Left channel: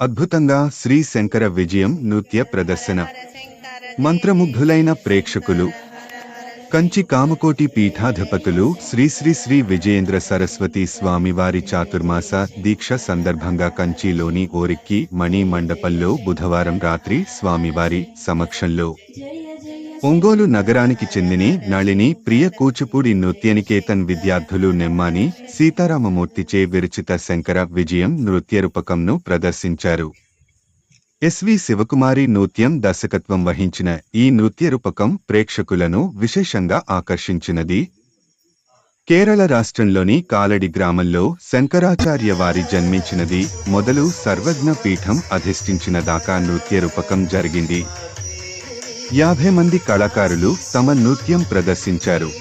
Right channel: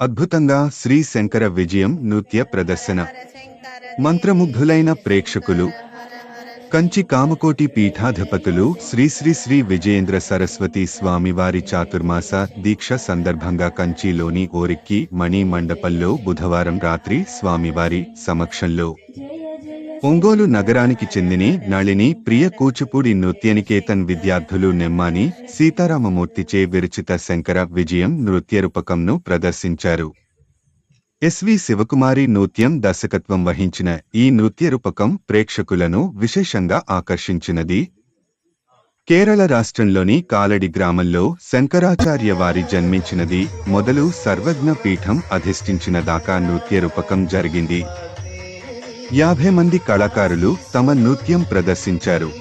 అద్భుతంగా శ్రీ శంకర విజయం నృత్య ప్రదర్శన. మంత్రముగ్ధులైన ప్రేక్షకులు కంచి కామకోటి పీఠాధిపతులు శ్రీ శ్రీ శ్రీ విజయేంద్ర సరస్వతి స్వామివారి చాతుర్మాస దీక్ష సందర్భంగా కంచిలోని ఓరిక్కి మణి మండపంలో బుధవారం రాత్రి స్వామివారి సమక్షంలో ఒంగోలు నగరానికి చెందిని నళిని ప్రియ కూచిపూడి నృత్యనికేతన్ విద్యార్థులు నెమ్మాని సీతారామమూర్తిచే విరచిత శంకర విజయం నృత్య రూపకంను ప్రదర్శించారు. ఎస్వి శివకుమారి నృత్యం దర్శకత్వం వహించిన ఈ నృత్య రూపకం ప్రేక్షకులను విశేషంగా ఆకర్షించినది. కేరళ రాష్ట్రంలోని కాలడి గ్రామంలో శంకరాచార్య వారి జన్మించినది. మొదలు సర్వజ్ఞ పీఠం అధిష్ఠించిన దాకా నృత్య రూపకం జరిగింది. యాభై మంది కళాకారులు తమ నృత్యం ప్రదర్శించారు.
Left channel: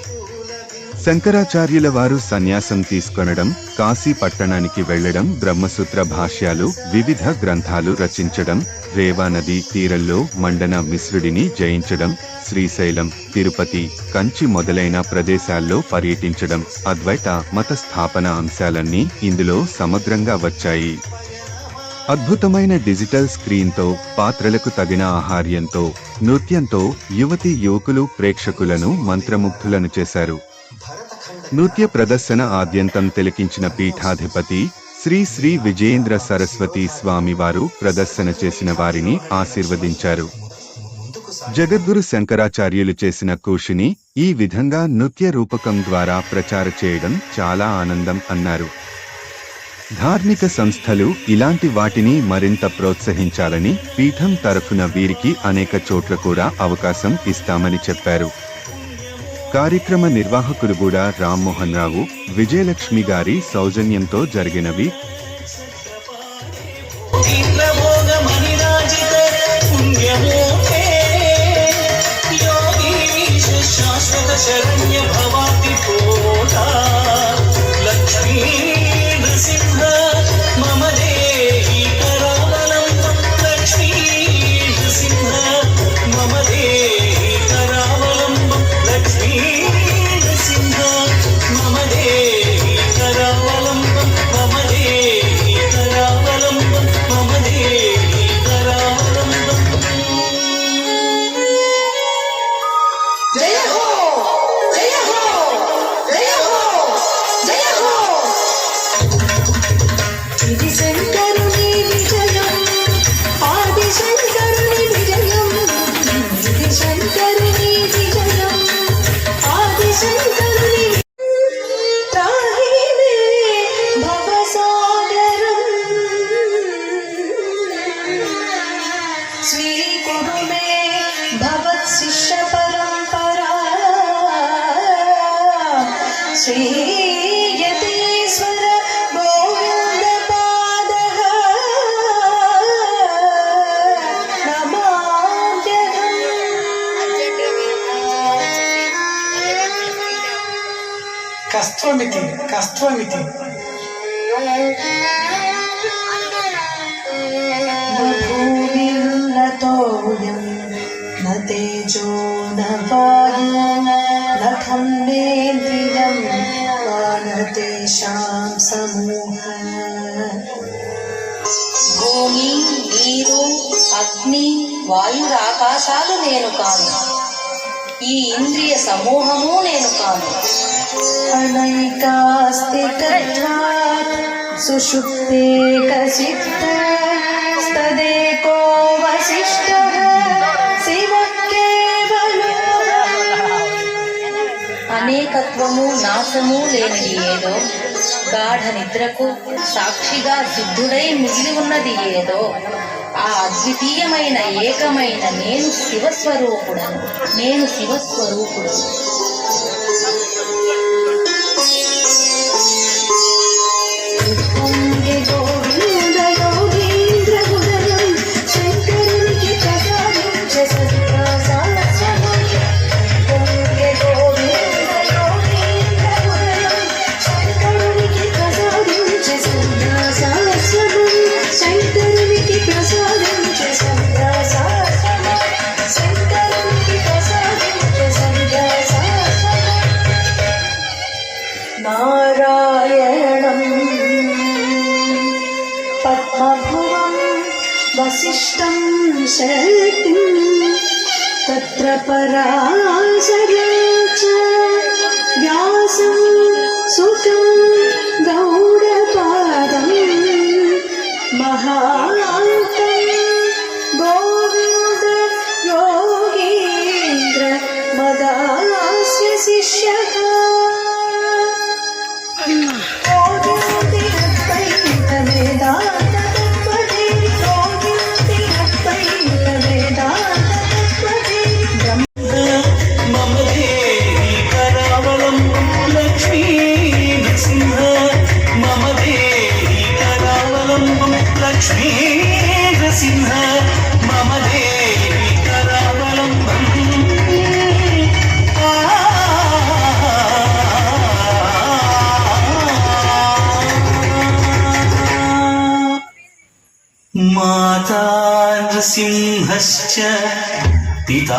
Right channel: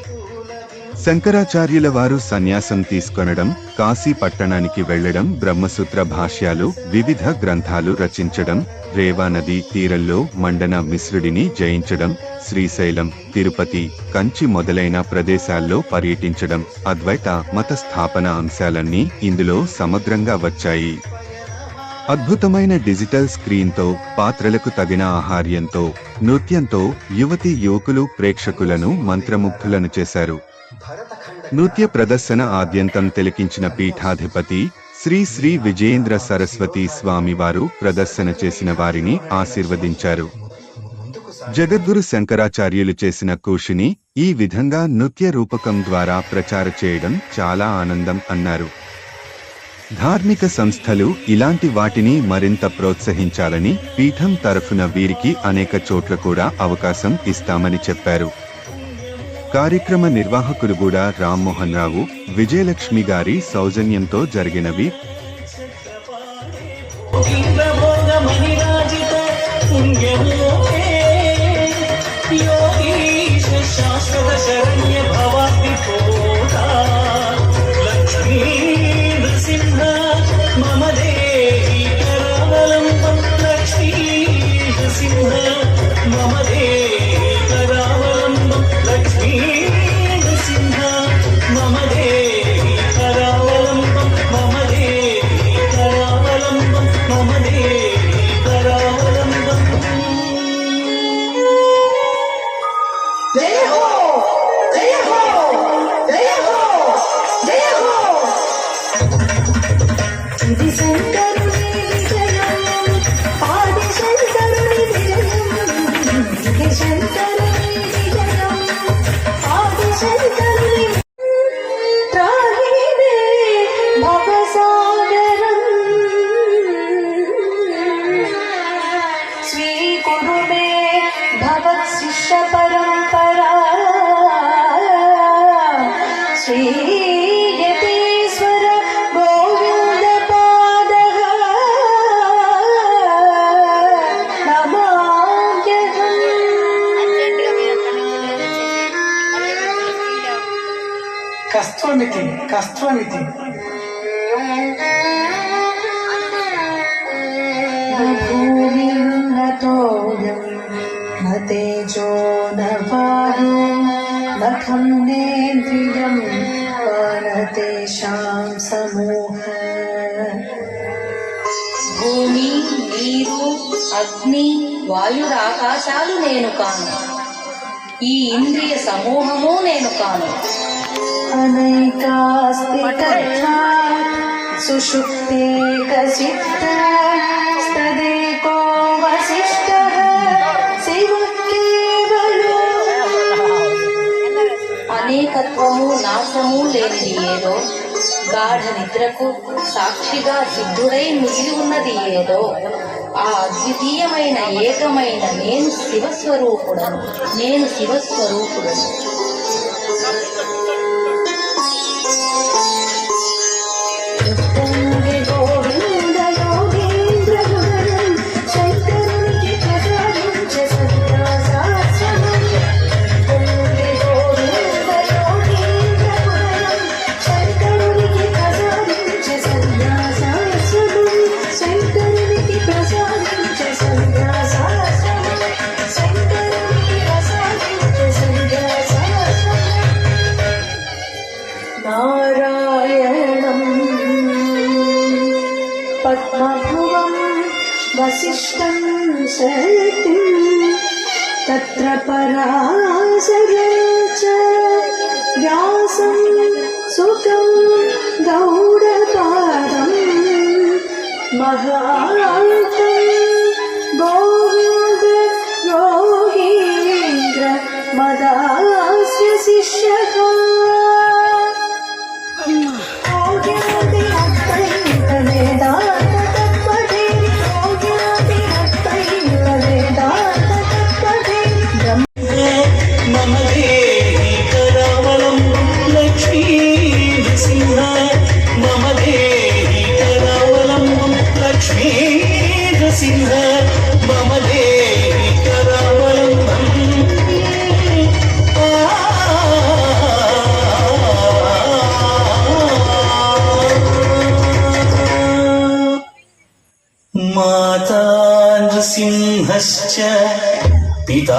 శంకరాచార్యుల వారు సన్యాసం తీసుకొనడం కాశీ పట్టణానికి వెళ్ళడం బ్రహ్మసూత్ర భాష్యాలు వివిధ గ్రంథాలు రచించడం రేవానది తీరల్లో తీరంలో మండన మిశ్రుడిని జయించడం శ్రీశైలం తిరుపతి కంచి మొదలైన ప్రదేశాల్లో పర్యటించడం అద్వైత మత స్థాపన అంశాలన్నీ ఇందులో సమగ్రంగా వచ్చాయి. అద్భుతమైన డిజిటల్ స్క్రీన్తో పాత్రలకు తగిన ఆహార్యంతో నృత్యంతో యువతి యువకులు ప్రేక్షకులను మంత్రముగ్ధులను చేశారు. నృత్య ప్రదర్శన ఆద్యంతం తిలకించిన పీఠాధిపతి శ్రీ శ్రీ విజయేంద్ర సరస్వతి స్వామివారు ప్రదర్శన చేసిన వారిని ఆశీర్వదించారు. జగద్గురు శంకరాచార్యులు చేసిన కూషిని ఈ విధంగా నృత్య రూపకం ద్వారా ప్రచార చేయడం చాలా ఆనందం అన్నారు. ధార్మిక సంస్థలు ఇలాంటి వాటిని మరింత ప్రోత్సహించాలని పీఠం తరఫున వీరికి అనేక చోట్ల కూడా అవకాశం ఇస్తామని చెప్పారు. కార్యక్రమ నిర్వాహకులు కూడా రామ్మోహన్ రావు విజయలక్ష్మి గారి సౌజన్యంతో జరిగినవి ఇది శంకరుని కష్టం భూమి నీరు అగ్ని వాయురాకాశాలు నేను కాను. ఈ ఇంద్రియ సమూహము నేను కాను. अनैकास्ति तथा सुषुप्तेकसिद्धा स्तदेको वसिष्ठः शिवः केवलो అనేకత్వము నాశము లేనిది ఏదో గాఢ నిద్రకు సాక్షిగా సిద్ధుడై మిగిలి ఉన్నది ఏదో ఆ అద్వితీయమైన ఏకమైన నేను శివస్వరూపుడను నేను శివస్వరూపుడను ಸೀತಾ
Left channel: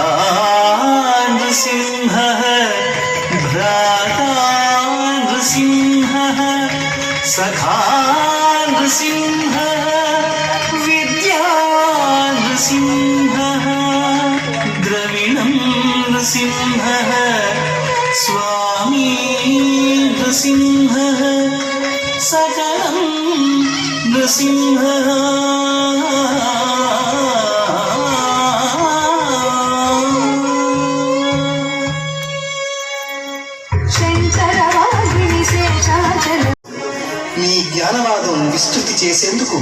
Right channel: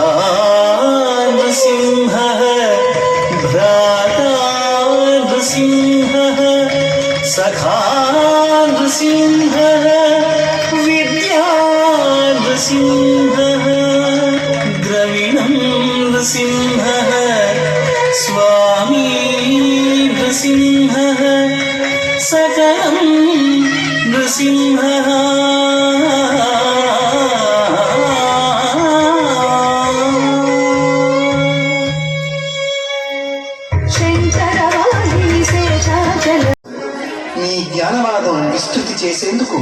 జ్ఞానవాదం విస్తృతి చేసేందుకు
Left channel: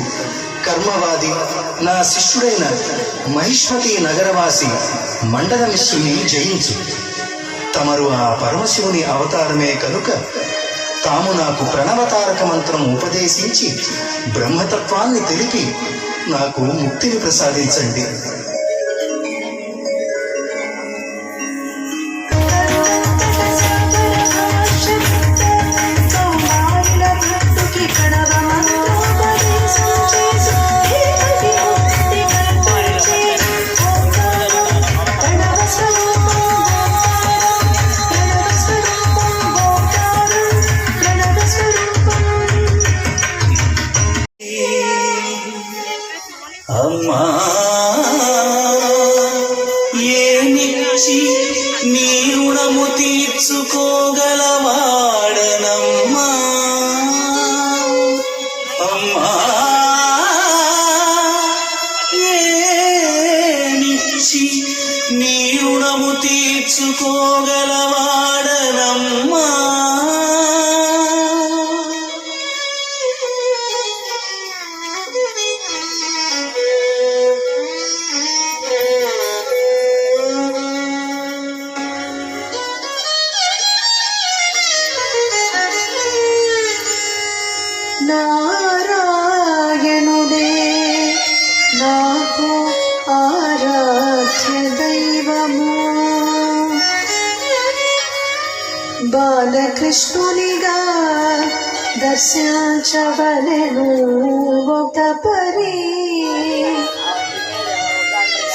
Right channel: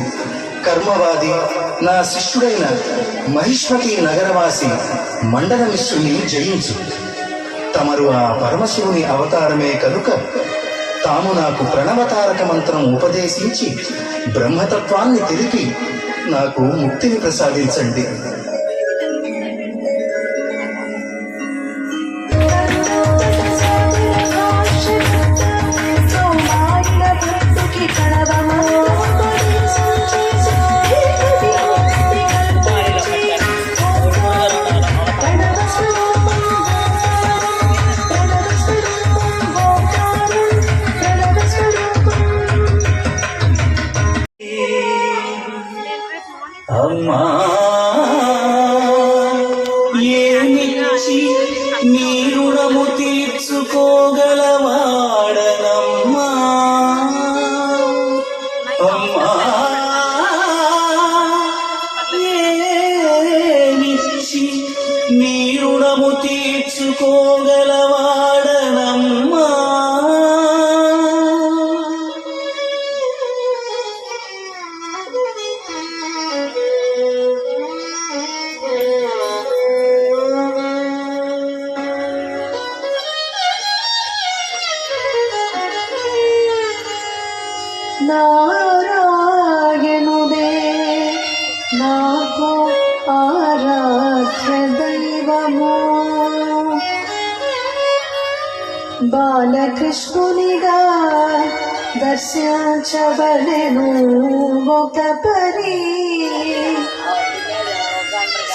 కర్మవాది నా శిష్యుడైన మహిష్మతి నగరవాసి మండల మిశ్రుని జయించు. తమరు ఆ పరమశివుని అవతారమే కనుక తాము నాకు ప్రణవతారక మంత్రం ఉపదేశించి బ్రహ్మతత్వాన్ని తెలిపి నాకు ముక్తిని ప్రసాదించండి.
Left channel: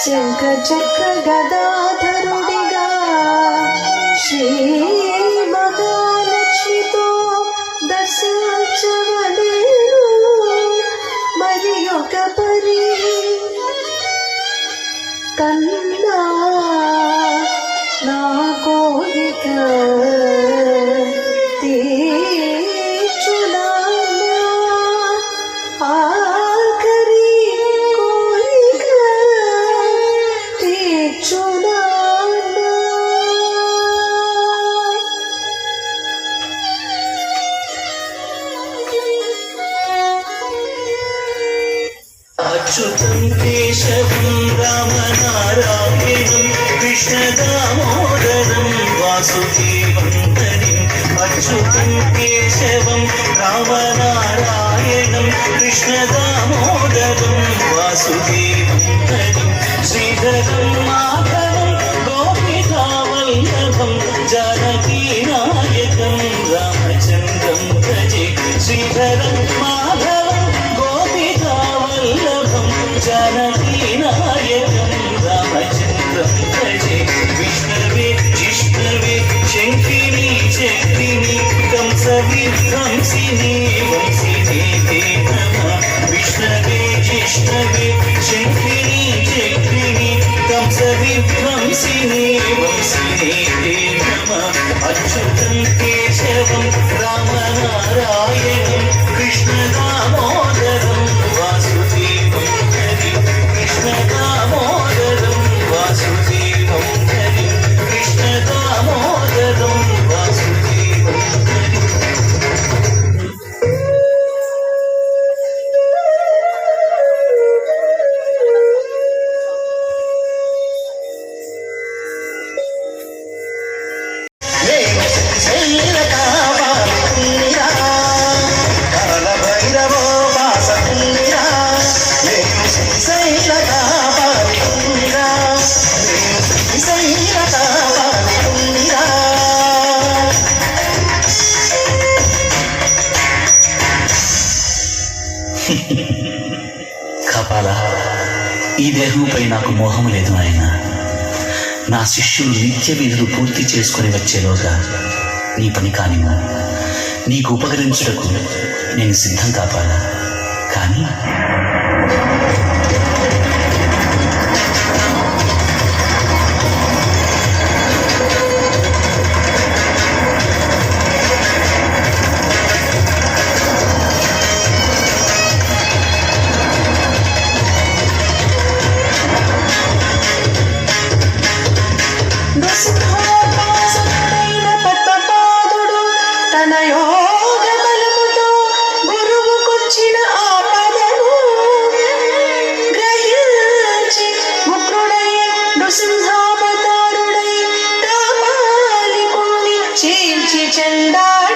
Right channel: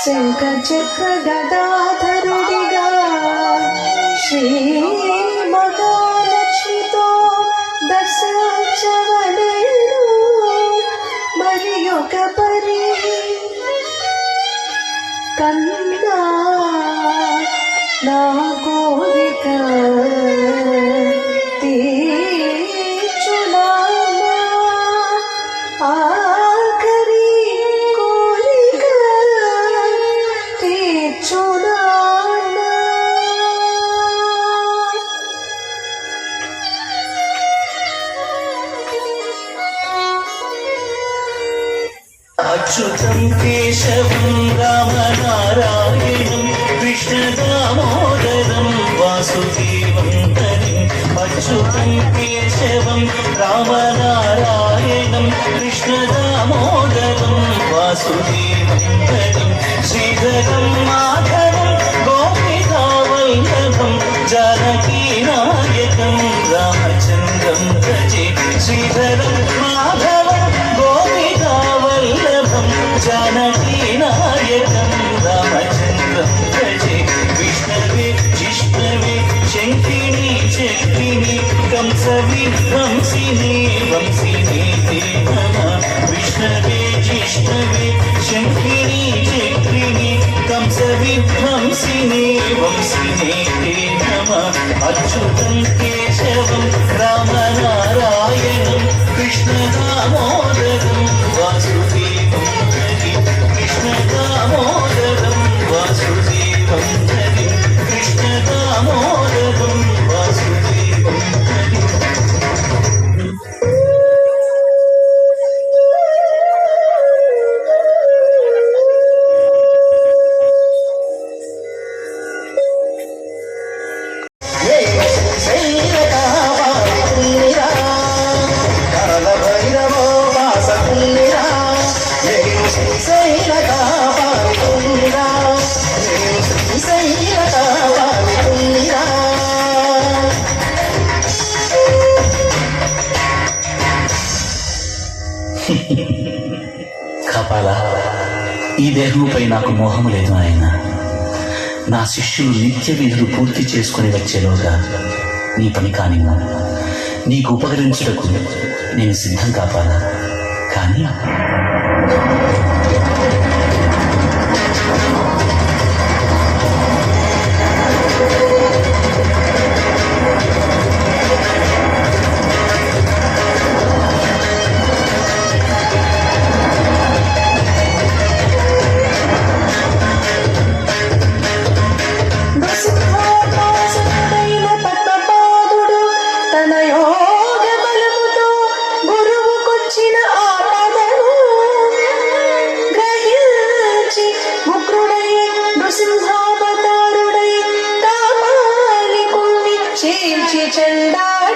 శంఖ చక్ర గదాధరుడిగా శ్రీ కృష్ణదామోదరం వాసుదేవం హరిం శ్రీధరం మాధవం గోపికావల్లభం జానకీ నాయకం రామచంద్రం భజే శ్రీధరం మాధవం గోపికావల్లభం జానకీ నాయకం రామచంద్రం భజే విష్ణవే జిష్ణవే శంకిని come see me. కాపాలా ఈ దేహంపై నాకు మోహం లేదు ఆయన నా శిష్యులు నిత్య విధులు పూర్తి చేసుకుని వచ్చేలోగా నీ పని కాని నీకు ఉపకరించుటకు నేను సిద్ధం కాపాలా కానీ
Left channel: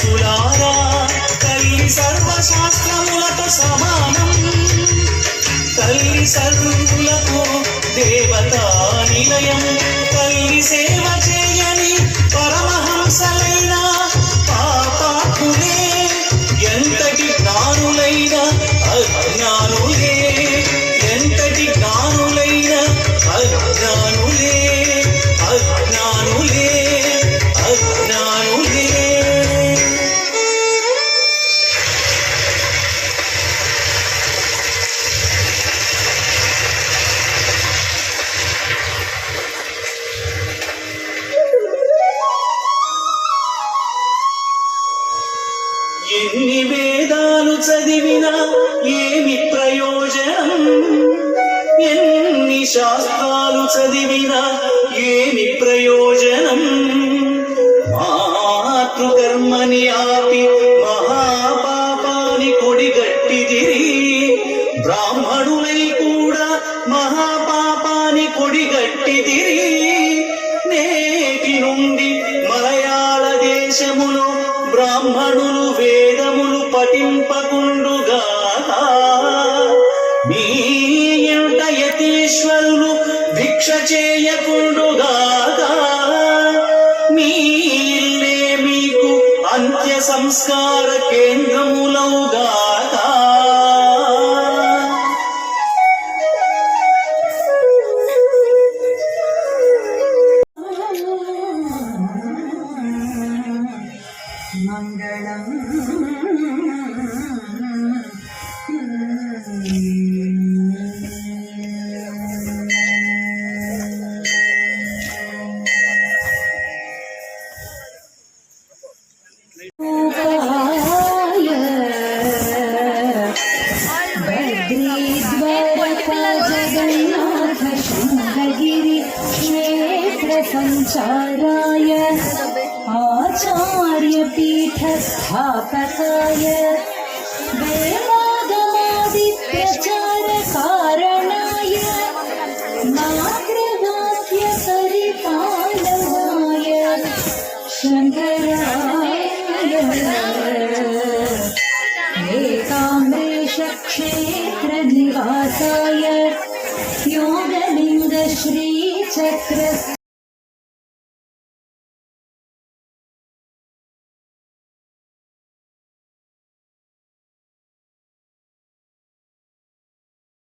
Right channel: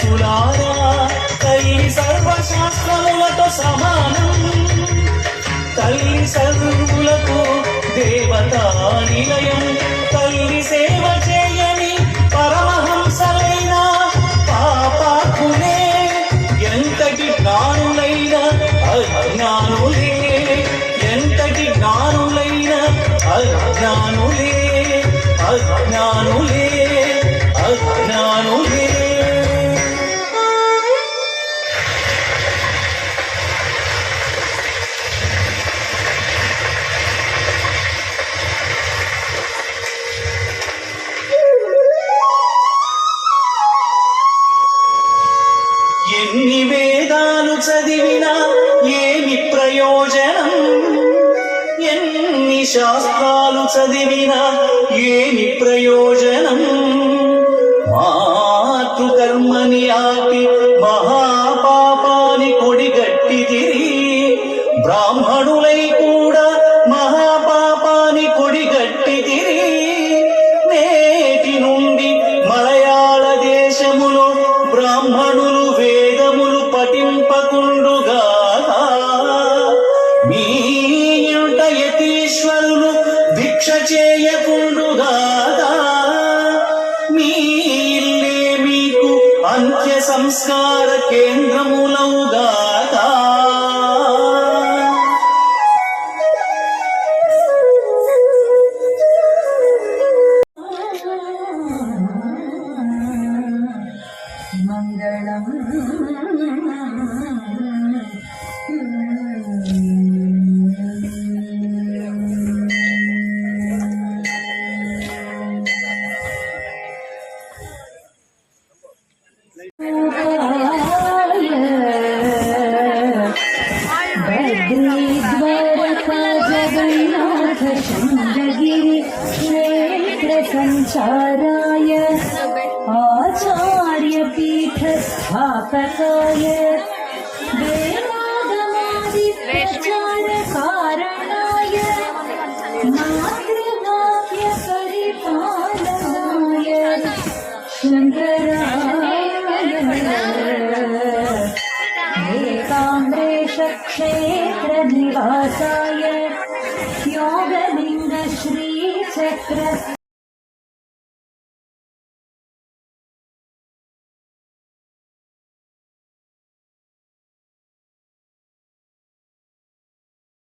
ఛాందసులారా తల్లి సర్వశాస్త్రములతో సమానం. తల్లి సర్వులతో దేవతా నిలయం తల్లి సేవ చే ప్రయోజనం మాతృకర్మని ఆపి మహాపాపాని కొడిగట్టిదిరి బ్రాహ్మణులై కూడా మహాపాపాని కొడిగట్టిదిరి నేటి నుండి మలయాళ దేశములో బ్రాహ్మణులు వేదములు పఠింపకుండుగా మీ యతీశ్వరులు భిక్ష చేయకుండుగా ಸಂಸ್ಕಾರಕ್ಕೆ